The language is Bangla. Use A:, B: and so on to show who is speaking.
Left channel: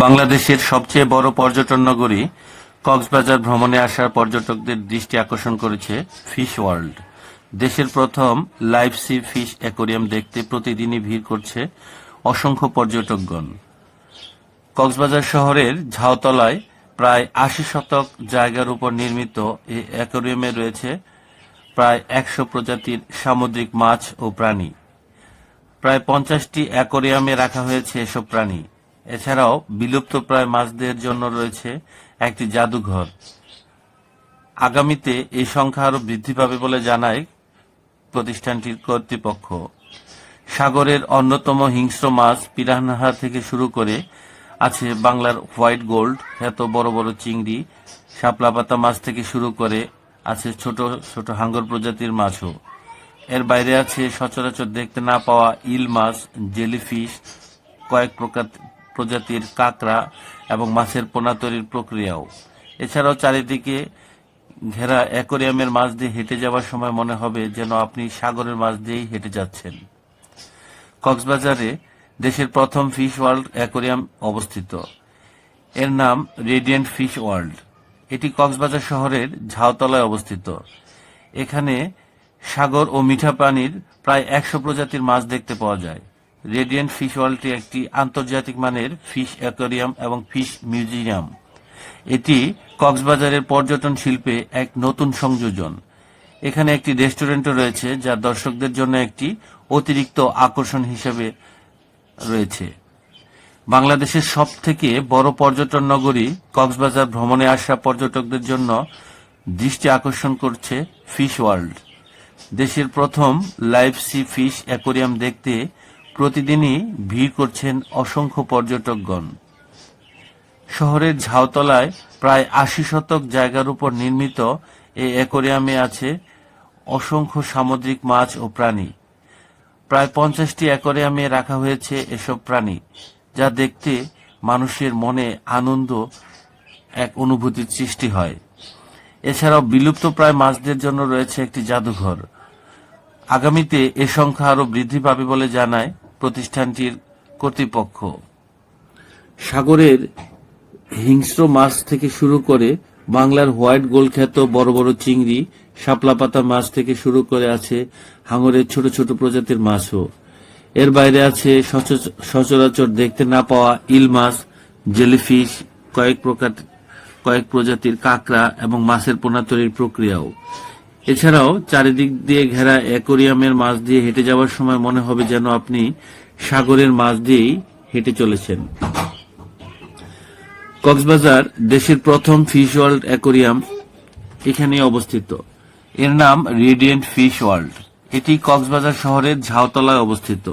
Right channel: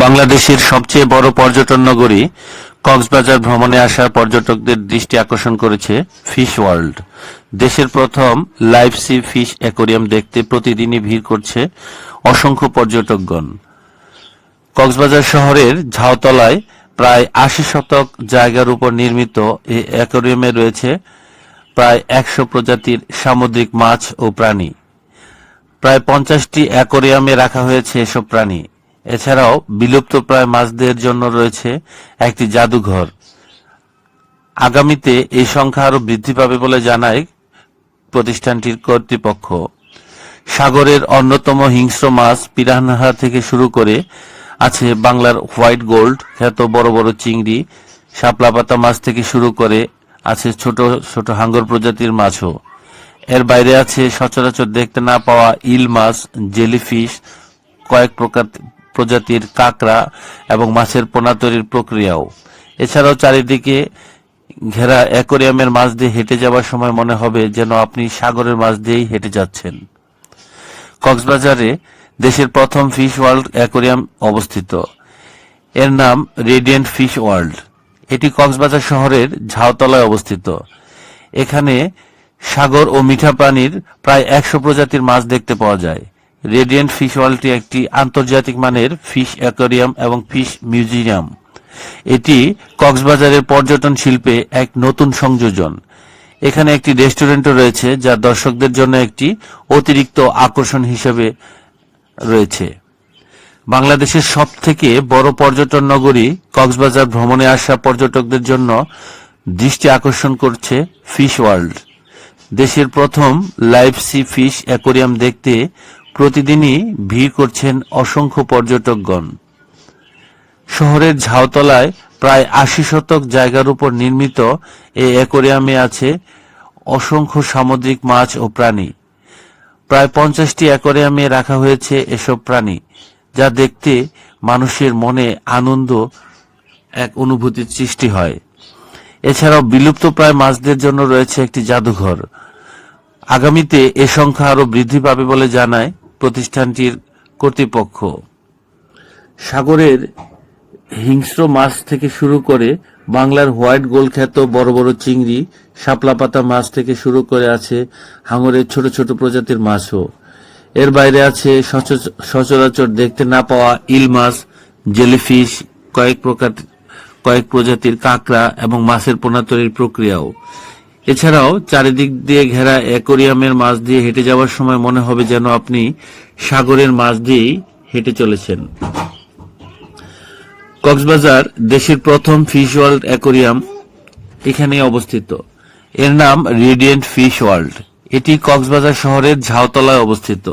A: বাংলাদেশের সবচেয়ে বড় পর্যটন নগরী কক্সবাজার ভ্রমণে আসা পর্যটকদের দৃষ্টি আকর্ষণ করেছে ফিশ ওয়ার্ল্ড। দেশের প্রথম লাইভ সি ফিশ অ্যাকোরিয়াম দেখতে প্রতিদিনই ভিড় করছে অসংখ্য পর্যটকগণ। কক্সবাজার শহরের ঝাউতলায় প্রায় আশি শতক জায়গার উপর নির্মিত এই অ্যাকোরিয়ামে রয়েছে প্রায় একশো প্রজাতির সামুদ্রিক মাছ ও প্রাণী। প্রায় পঞ্চাশটি অ্যাকোরিয়ামে রাখা হয়েছে এসব প্রাণী। এছাড়াও বিলুপ্ত প্রায় মাছদের জন্য রয়েছে একটি জাদুঘর। আগামীতে এই সংখ্যা আরও বৃদ্ধি পাবে বলে জানায় প্রতিষ্ঠানটির কর্তৃপক্ষ। সাগরের অন্যতম হিংস্র মাছ পিরানহা থেকে শুরু করে আছে বাংলার হোয়াইট গোল্ড, খ্যাত বড় বড় চিংড়ি, শাপলা পাতা মাছ থেকে শুরু করে আছে ছোট ছোট হাঙ্গর প্রজাতির মাছও। এর বাইরে আছে সচরাচর দেখতে না পাওয়া ইল মাছ, জেলিফিশ, কয়েক প্রকার প্রজাতির কাঁকড়া এবং মাছের পোনা তৈরির প্রক্রিয়াও। এছাড়াও চারিদিকে ঘেরা অ্যাকোরিয়ামের মাছ দিয়ে হেঁটে যাওয়ার সময় মনে হবে যেন আপনি সাগরের মাছ দিয়েই হেঁটে যাচ্ছেন। কক্সবাজারে দেশের প্রথম ফিশ ওয়ার্ল্ড অ্যাকোরিয়াম অবস্থিত। এর নাম রেডিয়েন্ট ফিশ ওয়ার্ল্ড। এটি কক্সবাজার শহরের ঝাউতলায় অবস্থিত। এখানে সাগর ও মিঠা প্রাণীর প্রায় একশো প্রজাতির মাছ দেখতে পাওয়া যায়। রেডিয়েন্ট ফিশ ওয়ার্ল্ডটি একটি আন্তর্জাতিক মানের ফিশ অ্যাকোরিয়াম এবং ফিশ মিউজিয়াম এটি কক্সবাজারের পর্যটন শিল্পে এক নতুন সংযোজন। এখানে একটি রেস্টুরেন্টও রয়েছে, যা দর্শকদের জন্য একটি অতিরিক্ত আকর্ষণ হিসেবে রয়েছে। বাংলাদেশের সব থেকে বড় পর্যটন নগরী কক্সবাজার ভ্রমণে আসা পর্যটকদের জন্য দৃষ্টি আকর্ষণ করছে ফিশ ওয়ার্ল্ড দেশের প্রথম লাইভ সি ফিশ অ্যাকোরিয়াম দেখতে প্রতিদিনই ভিড় করছেন অসংখ্য পর্যটকগণ। শহরের ঝাউতলায় প্রায় আশি শতক জায়গার উপর নির্মিত এই অ্যাকোরিয়ামে আছে অসংখ্য সামুদ্রিক মাছ ও প্রাণী। প্রায় পঞ্চাশটি অ্যাকোরিয়ামে রাখা হয়েছে এসব প্রাণী, যা দেখতে মানুষের মনে আনন্দ, এক অনুভূতির সৃষ্টি হয়। এছাড়াও বিলুপ্ত প্রায় মাছদের জন্য রয়েছে একটি জাদুঘর। আগামীতে এ সংখ্যা আরও বৃদ্ধি পাবে বলে জানায় প্রতিষ্ঠানটির কর্তৃপক্ষ। সাগরের হিংস্র মাছ থেকে শুরু করে বাংলার হোয়াইট গোল্ড খ্যাত বড় বড় চিংড়ি, শাপলা পাতা মাছ থেকে শুরু করে আছে হাঙরের ছোট ছোট প্রজাতির মাছও। এর বাইরে আছে সচর- সচরাচর দেখতে না পাওয়া ইল মাছ, জেলিফিশ, কয়েক প্রকার কয়েক প্রজাতির কাঁকড়া এবং মাছের পোনা তৈরির প্রক্রিয়াও। এছাড়াও চারিদিক দিয়ে ঘেরা অ্যাকোরিয়ামের মাছ দিয়ে হেঁটে যাওয়ার সময় মনে হবে যেন আপনি সাগরের মাছ দিয়েই হেঁটে চলেছেন। কক্সবাজার দেশের প্রথম ফিশ ওয়ার্ল্ড অ্যাকোরিয়াম এখানে অবস্থিত। এর নাম রেডিয়েন্ট ফিশ ওয়ার্ল্ড। এটি কক্সবাজার শহরের ঝাউতলায় অবস্থিত।